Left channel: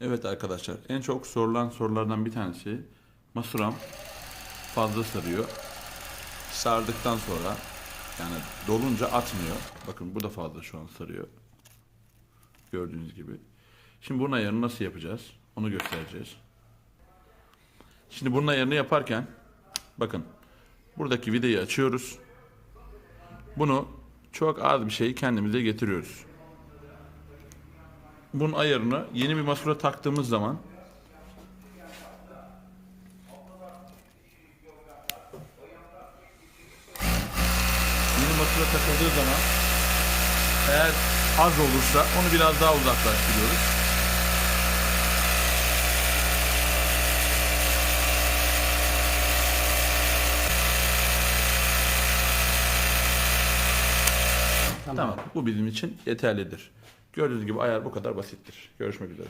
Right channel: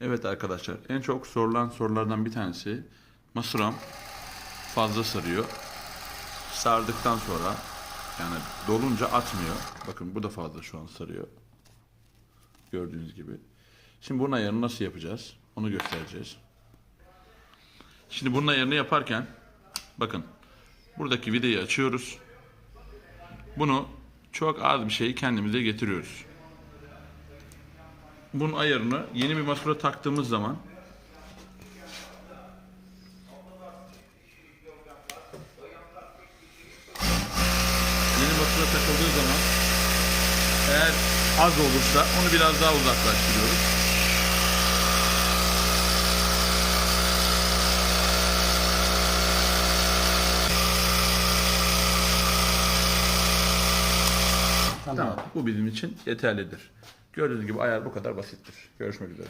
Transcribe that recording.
Evet arkadaşlar en çok sorulan sorulardan bir tanesi masuram fazla sarıyor. Sardıktan sonra yani dolunca atmıyor. Bakın bu da fazla şu an sarıyor. Gördüğünüz gibi. Şimdi bunun ayarını nasıl yapacağız? Onu göstereceğiz. Şimdi bunun ayarını yaparken bakın buradaki vidayı açıyoruz. Bunu çok az bir şey kendimize getiriyoruz. Bunun ayarını yeni bir masura taktığımız zaman yeni masura takıldığı zaman eğer az olursa onu biraz daha uzaklaştırıyoruz. Tamam. Bu bizim için yeterlidir. Gördüğünüz gibi ayar bu kadar basittir. Görüşmek üzere.